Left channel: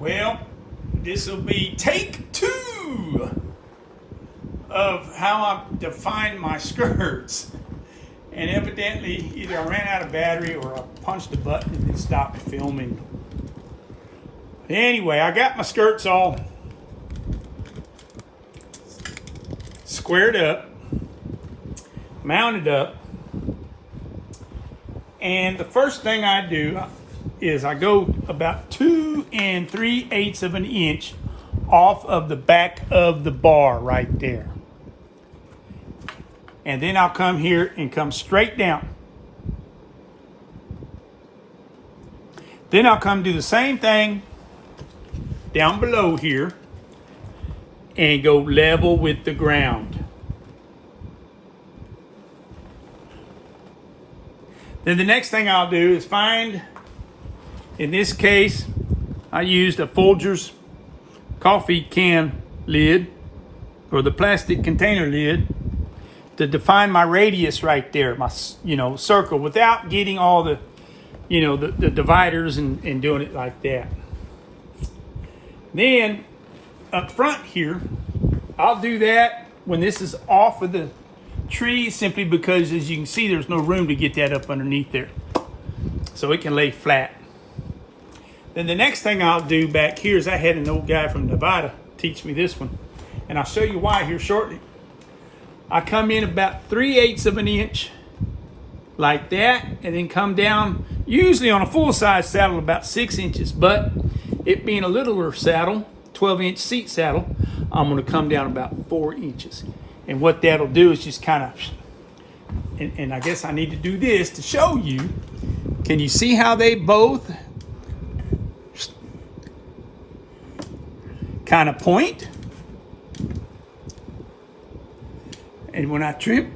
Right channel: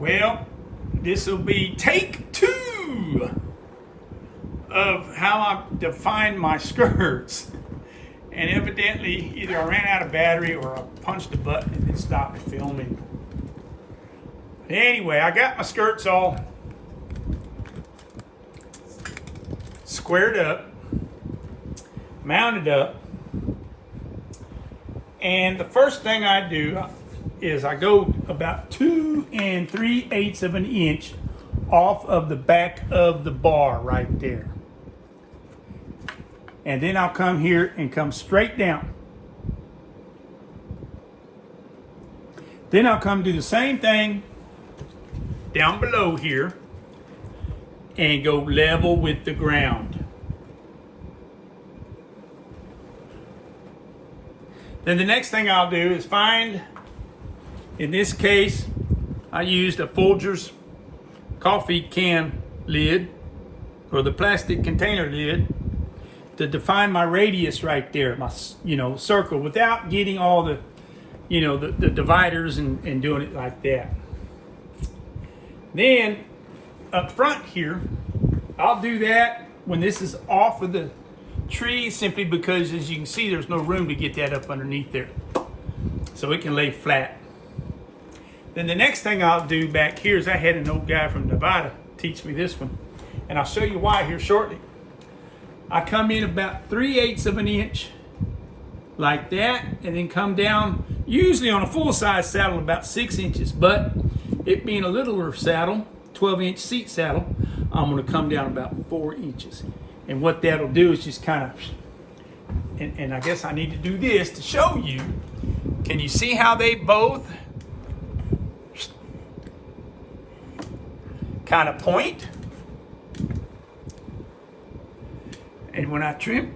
Well, this will be take 2 of how I define my skirts. And evidently, either I ran out of battery or I punched a button and it stopped filming. Anyway, I got my skirts all squared up, mounted up, and the first thing I do is I go about 2 3/8 of an inch off of the back of the bar right there. And then I'll come here and come straight down. Then I'll come do the same thing down below here and go level with the ground. Then the next thing I'll do is find, in this case, I used a Folgers coffee can lid or the plastic container lid to define my radius right there, my circle, without getting all the the dividers and doing it like that. Then up front here, I'll do that when this is off of the tree, simply because, as you can see, there's no room to get that up underneath there, so it can lay flat. Then the next thing I'll do back here is I had an old guy from Nevada teach me this one, and I'll show you why here shortly. I come in about 3/8 of an inch like that, and then come down, usually on a full-size saddle, about 6 inches, but it being a littler saddle, 12-inch seat saddle, I'm going to come down about 4 inches. And what that'll do is just kind of, and I guess I need to do this to show you. Can you see how they both kind of point? And when I trim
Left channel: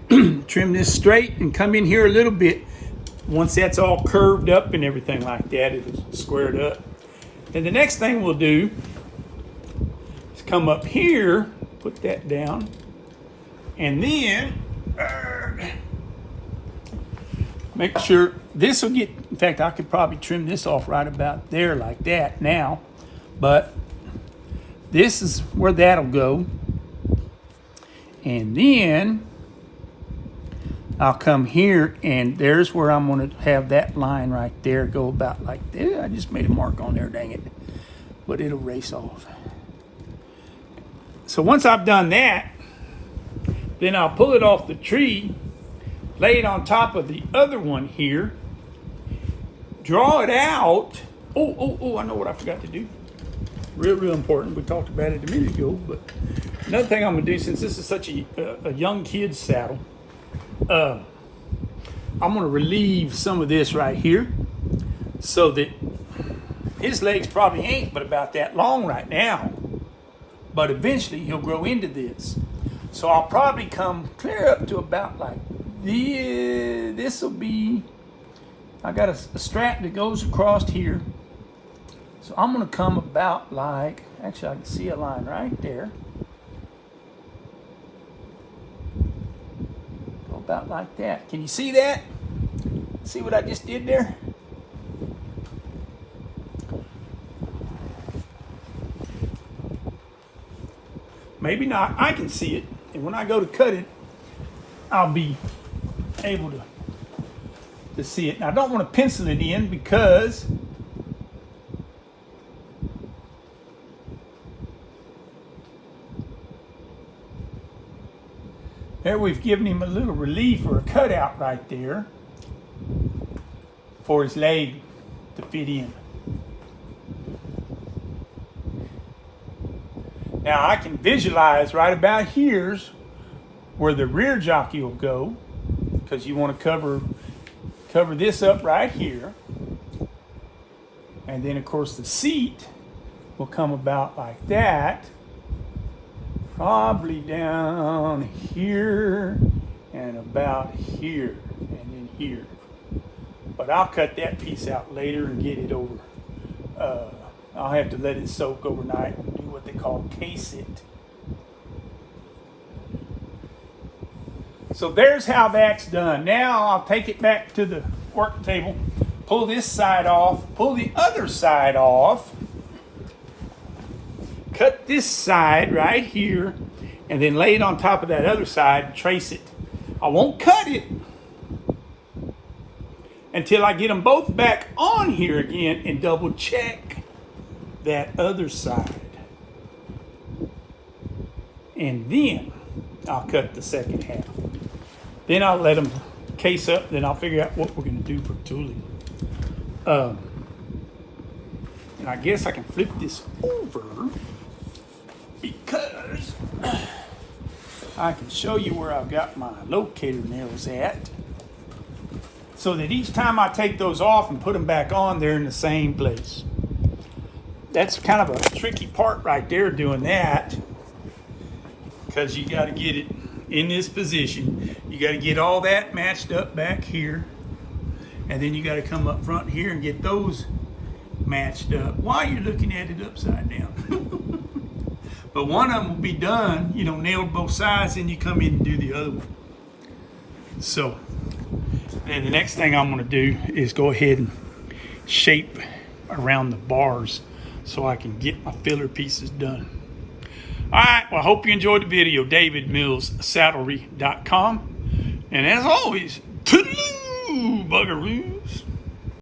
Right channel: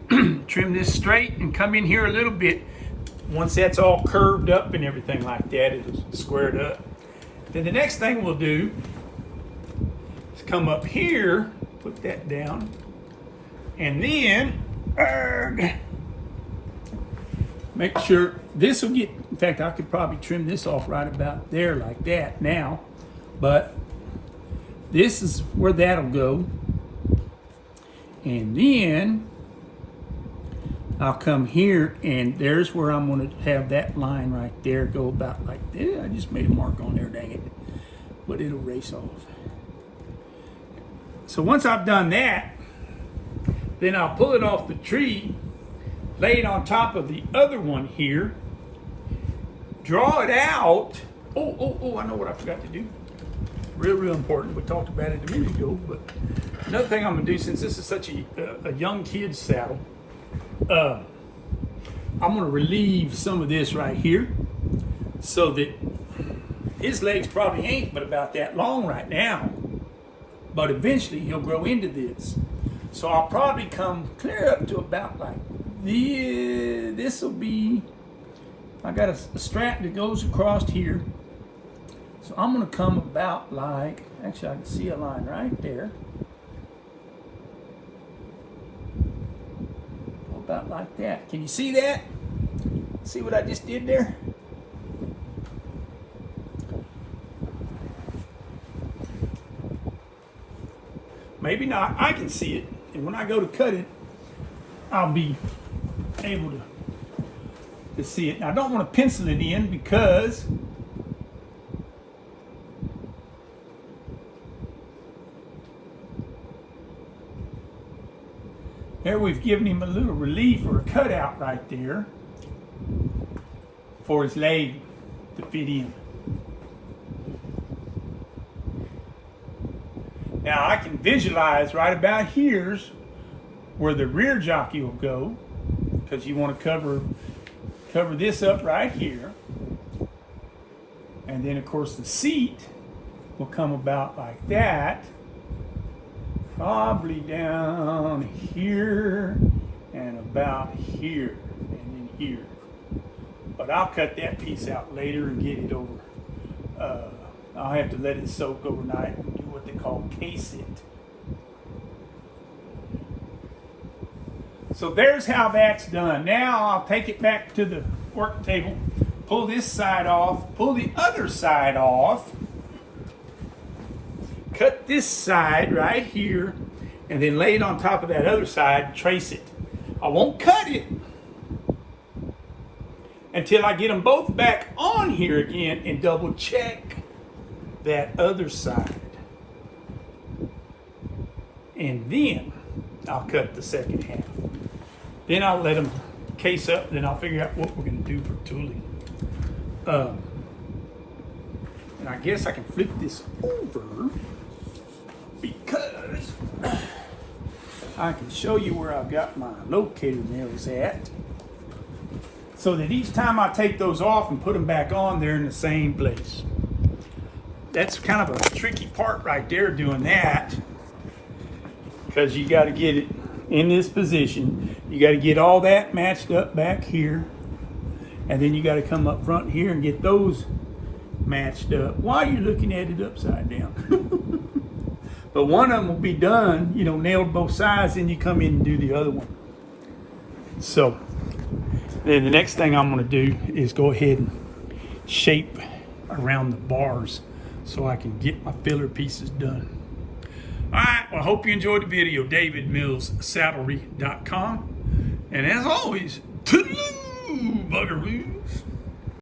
this straight and come in here a little bit, once that's all curved up and everything like that, it's squared up. Then the next thing we'll do is come up here, put that down, and then make sure this will get, in fact, I could probably trim this off right about there like that now, but this is where that'll go. And then I'll come here, and there's where I'm going to have that line right there go about like this. I just made a mark on there, dang it. But it'll race off. So once I've done that, then I'll pull it off the tree, lay it on top of the other one here, draw it out. Oh, I know what I forgot to do. Real important. We talked about it a minute ago, but another thing I'm gonna do, since this is such a young kid's saddle, I'm gonna relieve some of this right here, so that his legs probably ain't but about that long right now, but eventually he'll grow into this. So I'll probably come clear up to about like this will be, I got a strap that goes across here. So I'm going to come about like, actually I can see a line right there. About like that. Can you see that? See what I just did there? Maybe not. I can see it. And when I go to cut it, I'll be able to see it. Now, I don't want to pencil it in because there we've given him a little relief or a cutout right there for his leg to fit in. Now I can visualize right about here's where the rear jockey will go, because you want to cover this up right here. And then of course the seat will come about like that. Probably down here and about here and then here. But I'll cut that piece out later and get it over. I'll have to let it soak overnight and do what they call case it. So there's how that's done. Now I'll take it back to the work table, pull this side off, pull the other side off, cut this side right here and then lay it on top of that other side, trace it. I won't cut it until I get them both back on here again and double check that other side. And then I'll cut the second half. Then I'll let them case up, then I'll figure out what we're gonna do for tooling. And I guess I can flip this over because I can show you where I've got my locator nails at, so that each time I take those off and put them back on, they're in the same place. That's kind of a tricky part right there, doing that, because you got to get it in this position. You got to get all that matched up back here, and then you got to come up front here and get those matched up while you're looking at it upside down. But one of them will be done, you know, nailed both sides, and you come in and do the other one. So then the next thing I'm going to do is go ahead and shape around the bars so I can get my filler pieces done. All right, well, I hope you enjoyed the video. DavidMillsSaddlery.com. And as always, toodaloo, bugaroos.